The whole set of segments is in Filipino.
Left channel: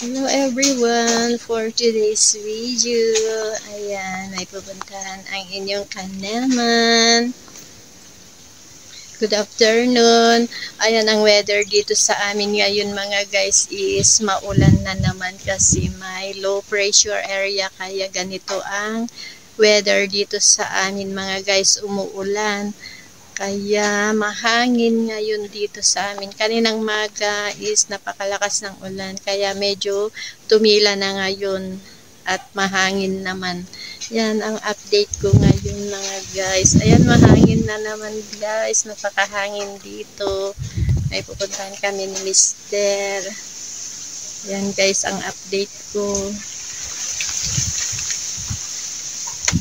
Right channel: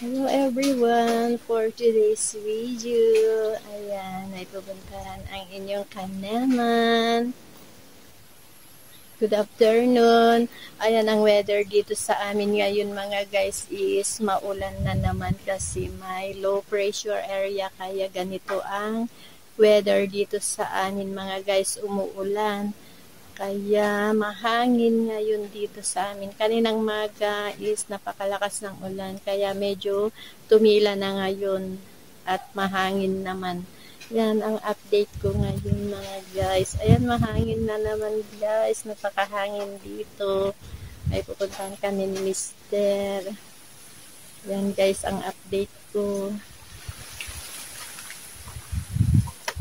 Hello everyone! For today's video, ayan, may pupuntahan ang inyong kaneman. Good afternoon! Ayan, ang weather dito sa amin ngayon mga guys is maulan na naman kasi may low pressure area kaya ganito ang weather dito sa amin mga guys, umuulan. Kaya mahangin ngayon dito sa amin. Kaninang maga is napakalakas ng ulan. Kaya medyo tumila na ngayon at mahangin naman. Yan ang update ko ngayon mga guys. Ayan, mahangin na naman guys. Napakahangin dito. May pupuntahan kami ni Mister. Yan guys ang update ko.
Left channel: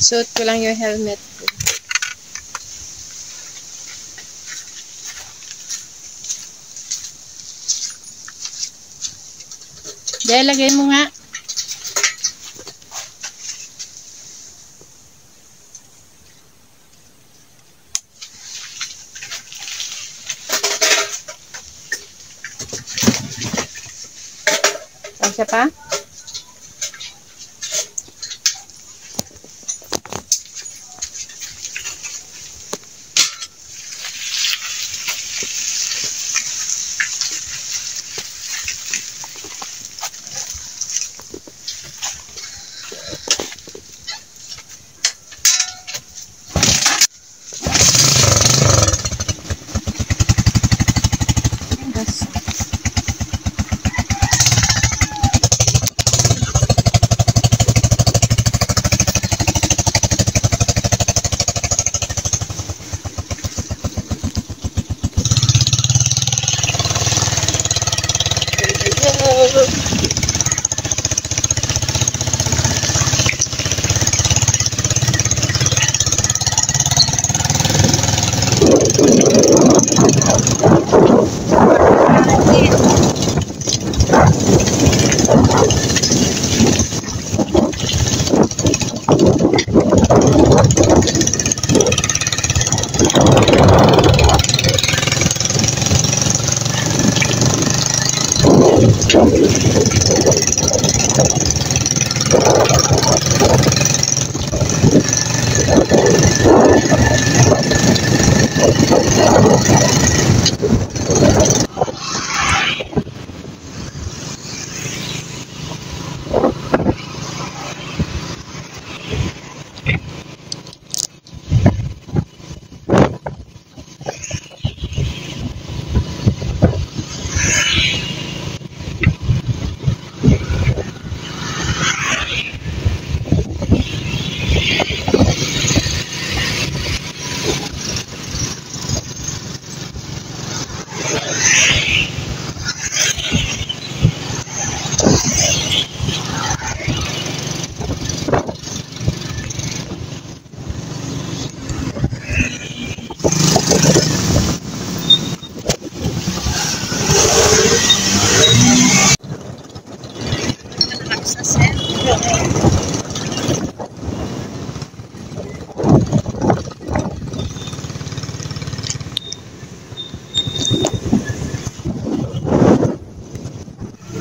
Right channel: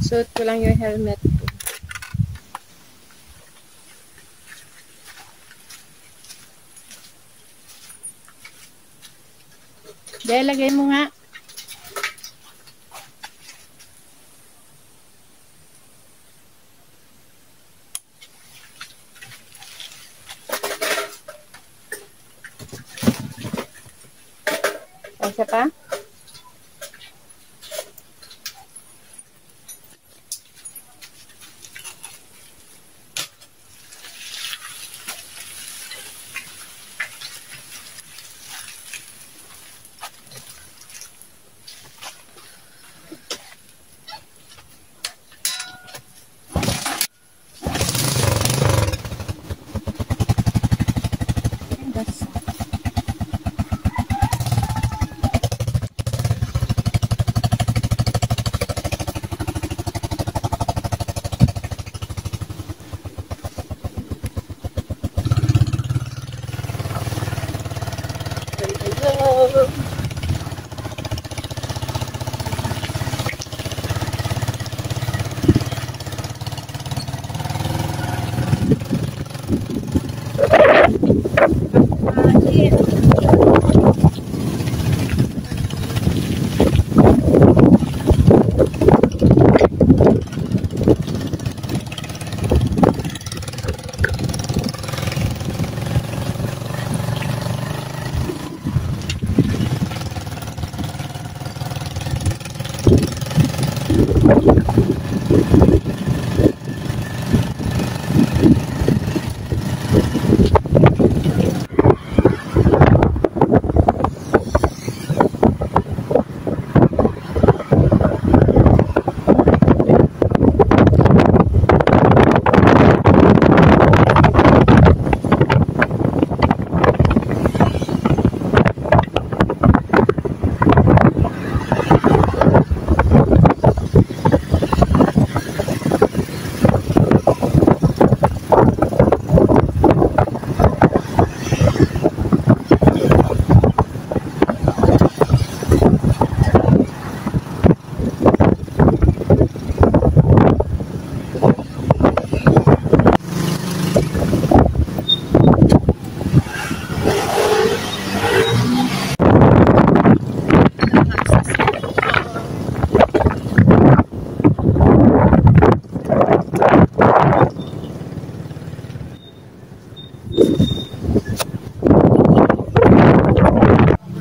Suot ko lang yung helmet ko. Dahil lagay mo nga. Pasya pa?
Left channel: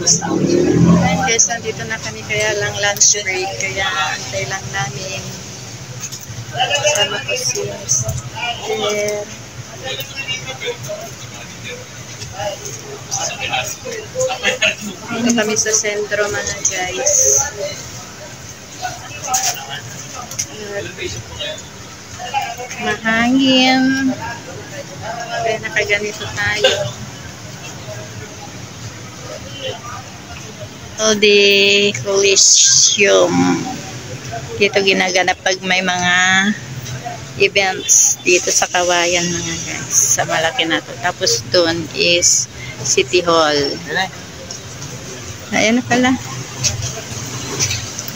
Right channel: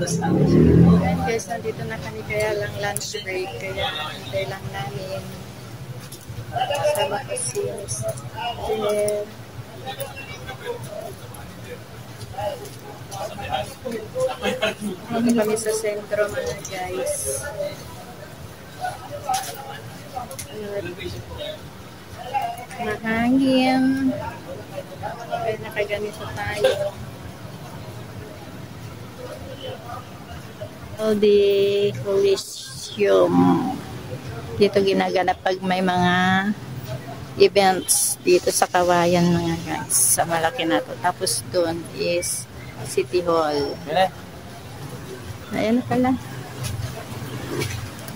Ayan guys, nandito na kami kaya lang lunch break. Kaya antay lang namin. Sama ko si Mister. Dito kami sa sentro mga guys. Mahangin. Kaya nakaganito tayo. The Coliseum. Dito ginaganap pag may mga events dito sa Kawayan mga guys. Sa malaki na to. Tapos doon is City Hall. Ayan na pala.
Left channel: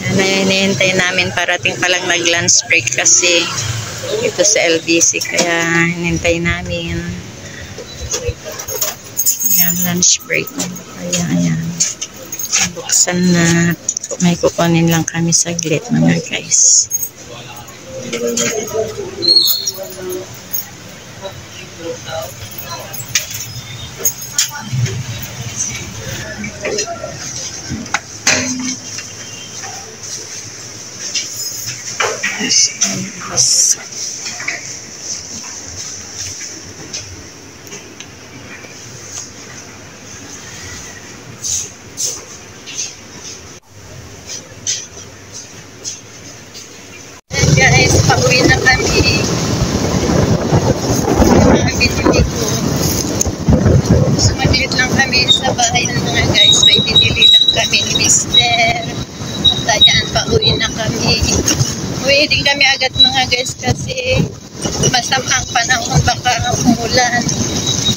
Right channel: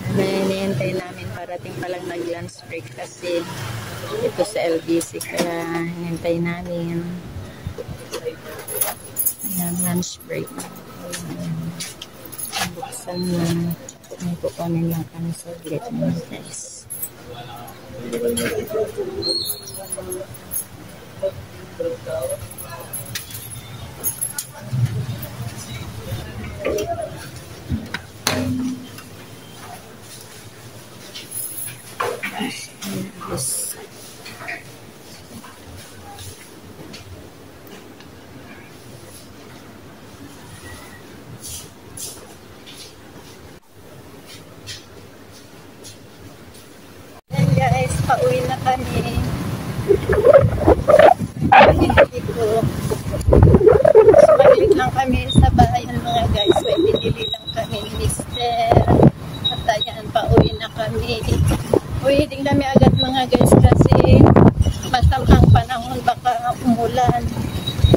Ayan na yung hinihintay namin. Parating palang nag-lunch break kasi ito sa LBC. Kaya hinihintay namin. Ayan, lunch break. Kaya ayan. Buksan na. May kukunin lang kami saglit mga guys. Yes. And guys, pauwi na kami. Pinili ko. Sumaglit lang kami sa bayan mga guys. May pinili lang kami ni Mister. At ayan, pauwi na kami. Uwi din kami agad mga guys kasi masamang panahon, baka umulan.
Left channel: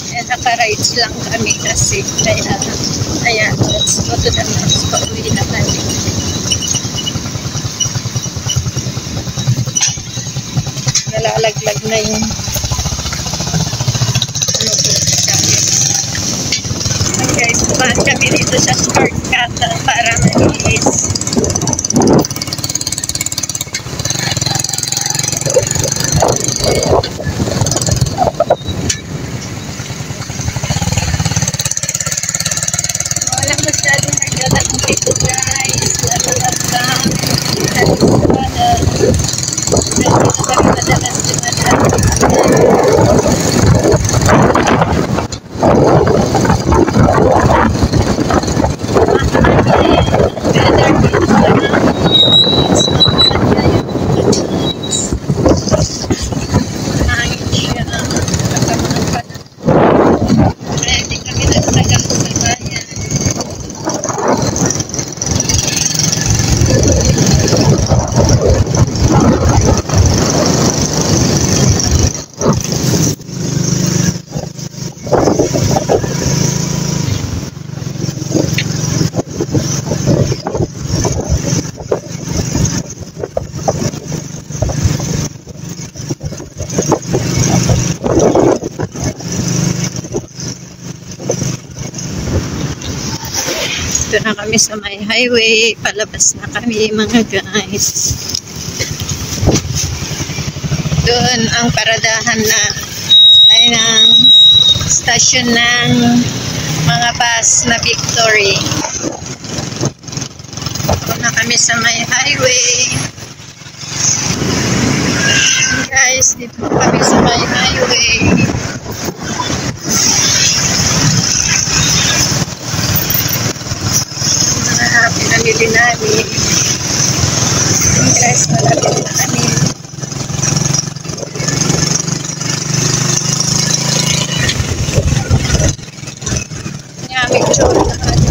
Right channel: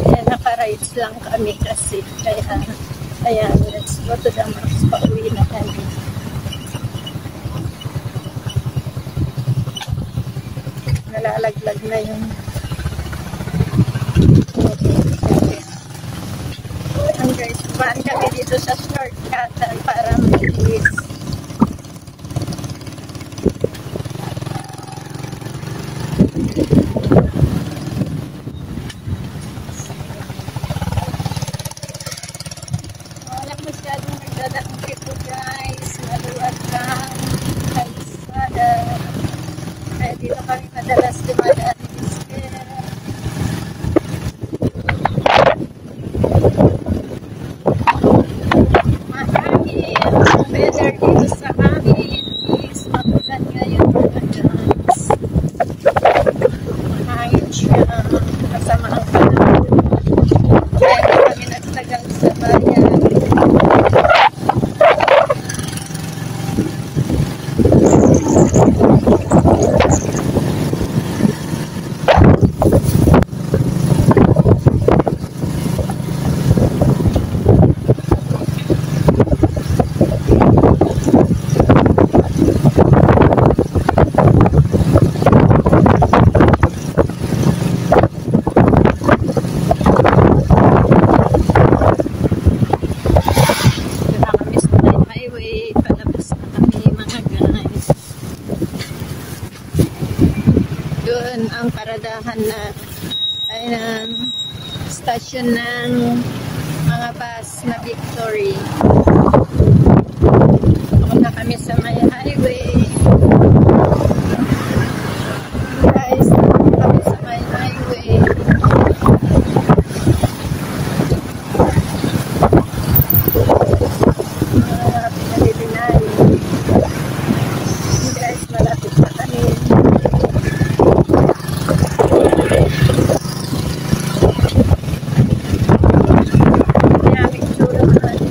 Kaya naka-rides lang kami kasi. Kaya, ayan, let's go to the max. Pauwi na kami. Nalalaglag na yung guys, tumaan kami dito sa shortcut para mabilis. Wala masyadong nagdadating dito guys. Laluwag lang sa estrada. Dito kami madalas dumadaan. Weather dito sa amin is maganda yung guys. Hangin siya kasama ang panahon. Kaya hindi kami nagtagal sa bayan. Dito na kami sa may highway. Palabas na kami mga guys. Doon ang paradahan na ay ng stasyon ng mga bus na Victory. Dito na kami sa may highway. Guys, dito na kami sa may highway. Pinamili namin. Guys, malapit na kami. Yummy chura na natin.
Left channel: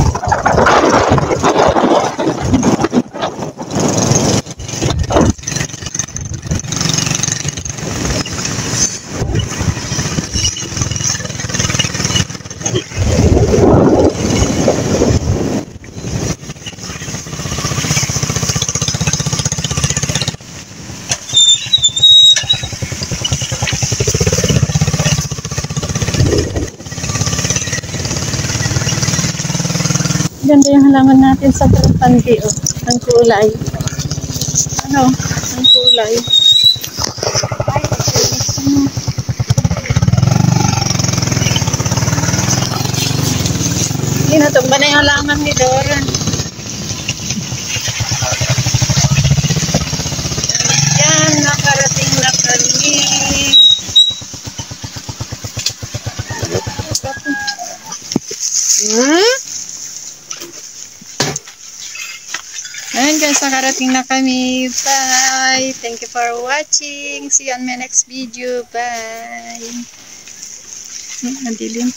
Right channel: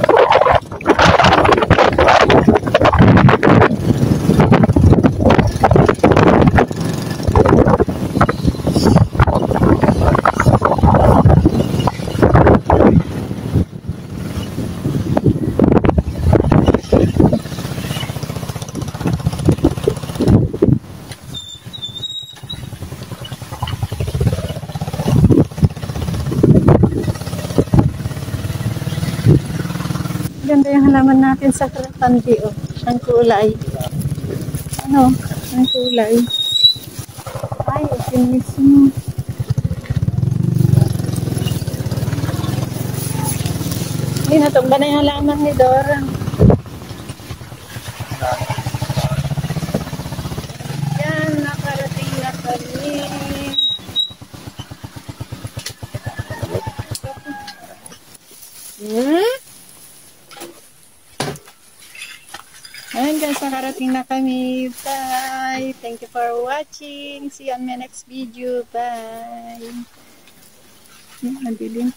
Ganda yung halaman natin sa Pandi, oh. Ang kulay. Ano? Ang kulay. Ay, sinis mo. Hindi natumba na yung halaman ni Dora. Yan, nakarating na kami. Ayan guys, nakarating na kami. Bye! Thank you for watching. See you on my next video. Bye! Madilim.